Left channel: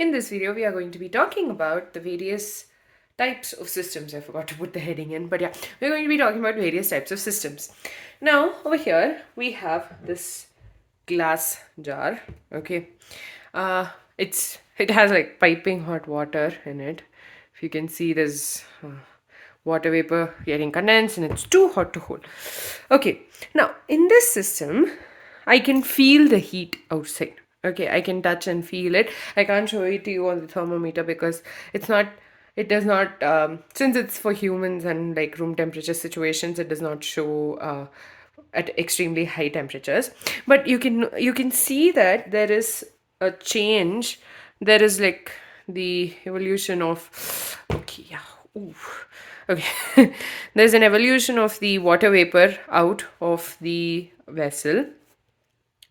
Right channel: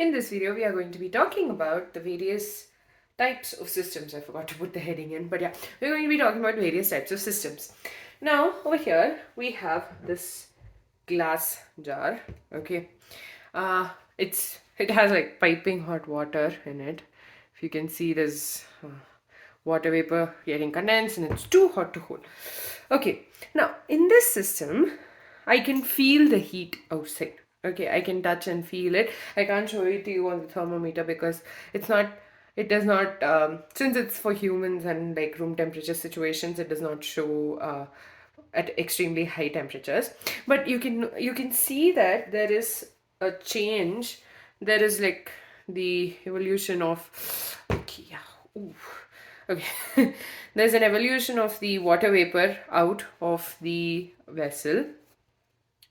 In this video, we are going to be talking about the various types of systems. I forgot to put the heading in, but yeah, we're going to be talking about various types of systems. Now, over here, we have this glass jar, okay? Uh, it has like piping hot water in it. If you can see, there's water vapor getting condensed and it's too hot to hold. Okay, now in this system, I can feel the heat outside. Okay, I can touch and feel it. I can't show it to you on the thermometer because it does not, since it's for humans and like room temperature situations, it does not show at extremely high temperatures. But you can see that there is a change. There is like the evolution of, okay, yeah, ooh. Okay, there's an evolution of the water vapor out of the vessel,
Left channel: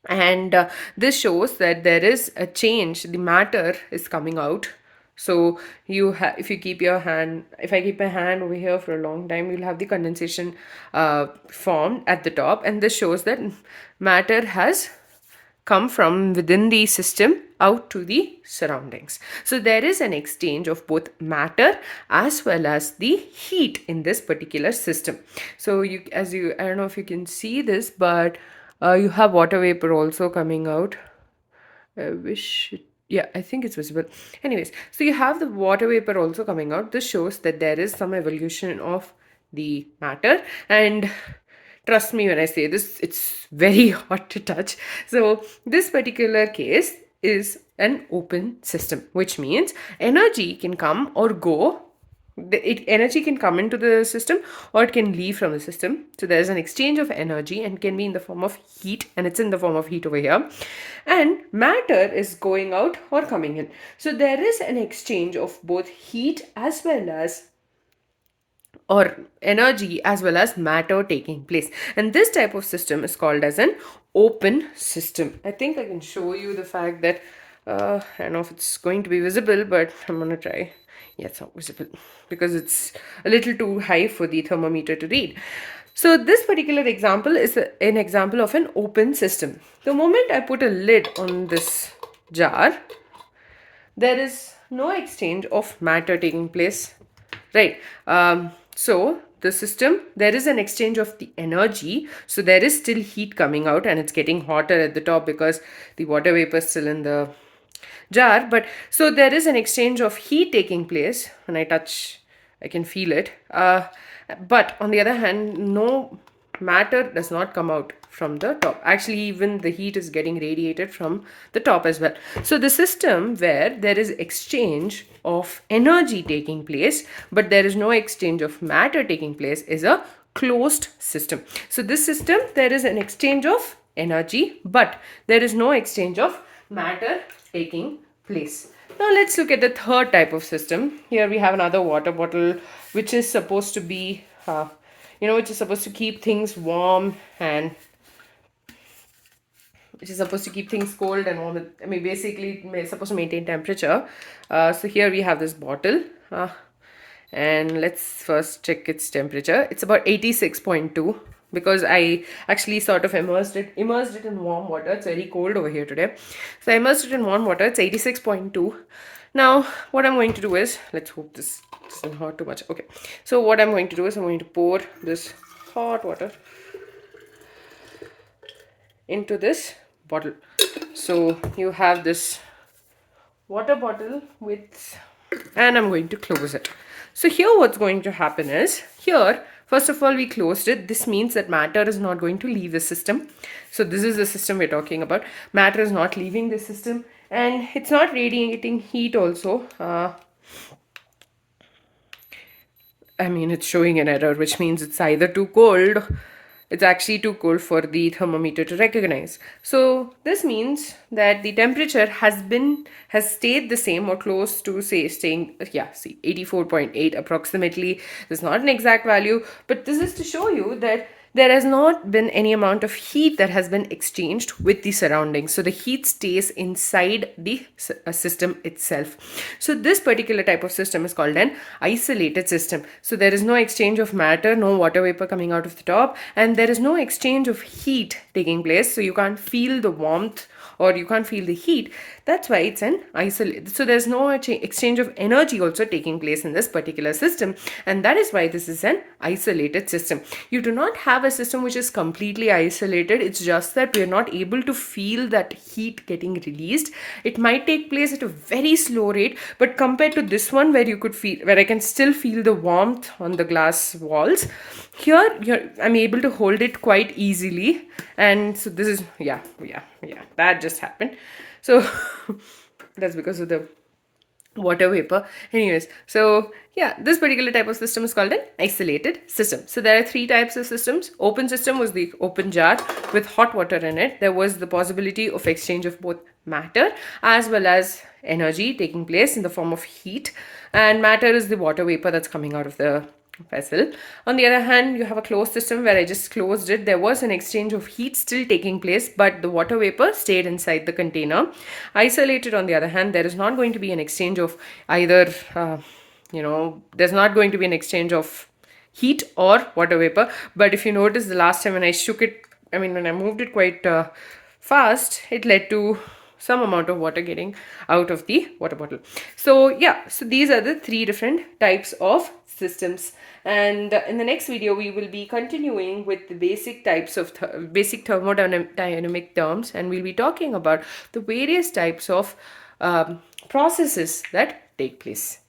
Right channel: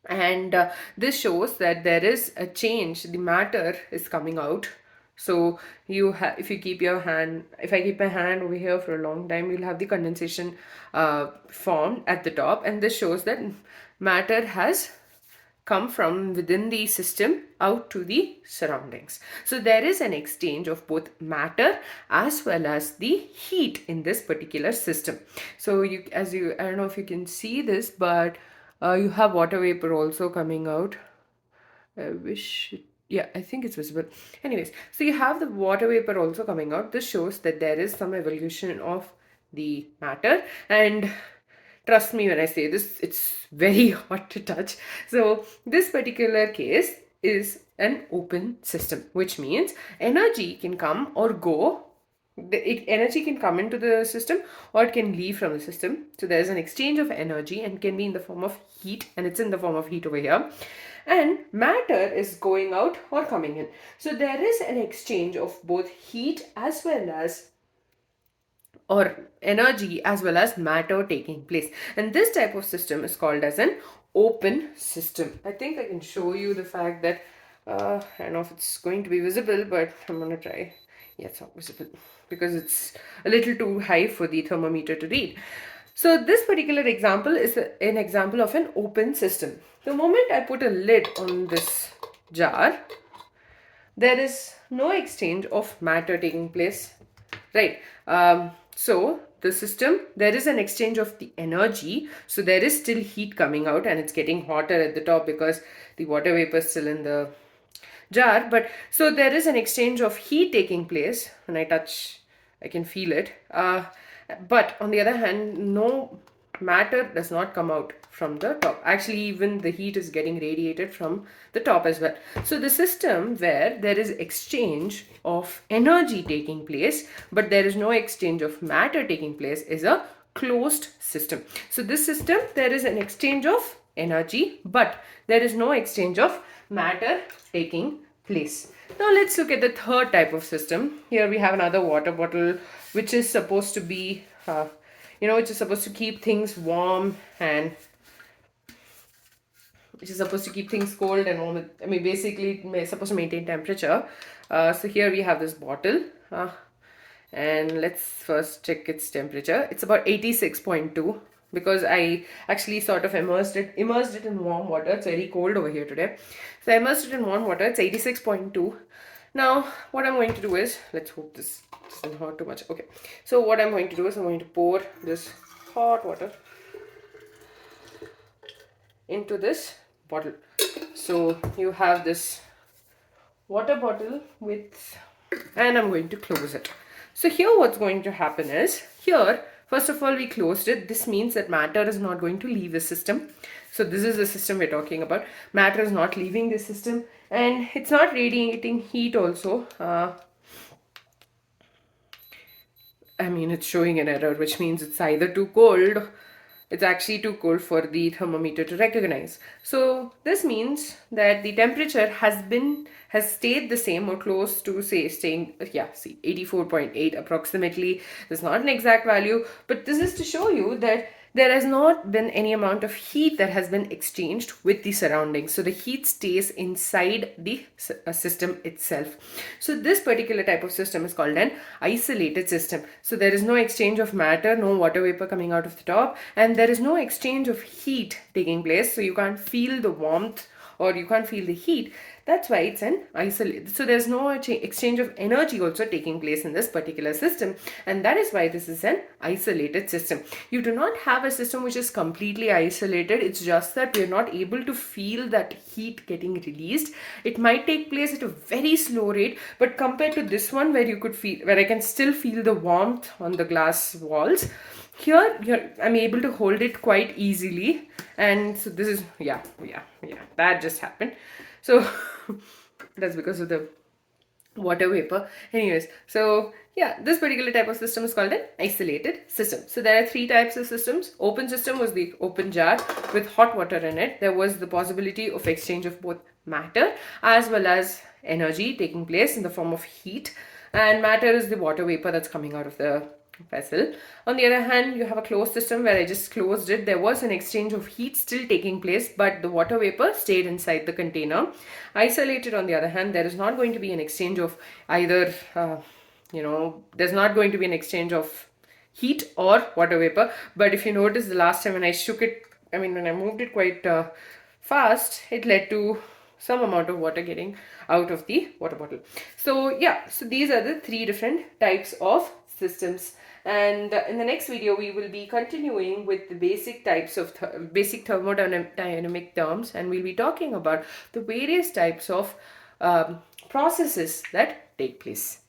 and this shows that there is a change. The matter is coming out. So if you keep your hand, if I keep my hand over here for a long time, you'll have the condensation formed at the top, and this shows that matter has come from within the system out to the surroundings. So there is an exchange of both matter as well as the heat in this particular system. So I don't know if you can see this, but you have water vapor also coming out. Yeah, I think it's visible. Anyways, so you have the water vapor also coming out. This shows that there is some evolution of the matter, and trust me when I say this, it's very hot to touch. So this particular case is an open system, which means energy can come or go. Energy can come into the system or it can leave from the system. So there's an exchange of energy and can be in the form of heat, and it's in the form of heat over here. And matter is going out or coming in. So there is an exchange of both heat as well as or energy as well as matter taking place, and this type of system is called as an open system. I think I can show you the fact that I don't know if it's going to be visible, but I'm gonna try. Yeah, it's not visible because it's a little too high for the thermometer to read. So this particular example is an example of an open system. The moment I put a lid on this jar, there is no exchange of matter taking place, right? So the system, there is an exchange of the energy. So there is still heat coming out and it's getting hotter at the top because the water vapor is still in the jar. But so there is an exchange of heat taking place. When I touch, I can feel it. But on the other hand, no matter does not come out from the top. Actually, even the heat is getting radiated from the top as well. So the system where there is exchange of energy taking place, but there is no exchange of matter taking place, is a closed system. So this system, there is an exchange of energy, but there is no exchange of matter taking place. Now let's look at the third type of system. Here we have another water bottle, which is supposed to be which is supposed to keep things warm, and which is supposed to keep things cold and warm. I mean, basically, it's supposed to maintain temperature. So here we have this bottle, and let's first check its temperature. It's about 86.2 because I actually sort of immersed it in warm water. It's very cold over here today, so I immersed it in warm water. It's 86.2. Now, what I'm going to do is, let's hope this doesn't hurt too much. Okay, so what I'm going to do is I'm going to pour this hot water into this bottle. So you have this water bottle and I'm going to close it. So here what's going to happen is, here, first of all, we closed it. This means that matter is not going to leave the system. So this is the system we're talking about. Matter is not leaving the system, and it's not radiating heat also. I mean, it's showing an error, which means it's either too cold. It's actually too cold for the thermometer to recognize. So this means that the temperature has stayed the same or close to, say, staying, yeah, see, 84.8 approximately. This is not an exact value, but this is to show you that there has not been any amount of heat that has been exchanged with the surroundings. So the heat stays inside the system itself. So this particular type of system is called an isolated system. So there is no exchange of matter, no water vapor coming out of the top, and there is no exchange of heat taking place. So you can't feel the warmth or you can't feel the heat. That's why it's an isolated. So there's no exchange of energy also taking place in this particular system. And that is why this is an isolated system. You do not have a system which is completely isolated. It's just that we are not able to feel that heat getting released. It might take place at a very slow rate, but compared to this one where you could feel, where I can still feel the warmth on the glass walls, here I'm able to hold it quite easily. And so this is, yeah, that just happened. So that's because of the water vapor. Anyways, so yeah, this particular type of system is called an isolated system. So there are three types of systems. Open system was the open jar with hot water in it. There was the possibility of exchange of both matter as well as energy taking place in the form of heat, and matter is the water vapor that's coming out of the vessel. On the other hand, you have a closed system where I just closed it. There was an exchange of heat still taking place, but the water vapor stayed inside the container. Isolated, on the other hand, there is not going to be an exchange of either, there's not going to be an exchange of heat or water vapor. But if you notice, the last time when I shook it, when I moved it quite fast, it led to some amount of water getting out of the water bottle. So yeah, so these are the three different types of systems. And in the next video, we will be continuing with the basic types of basic thermodynamic terms, and we'll be talking about the various types of processes that take place.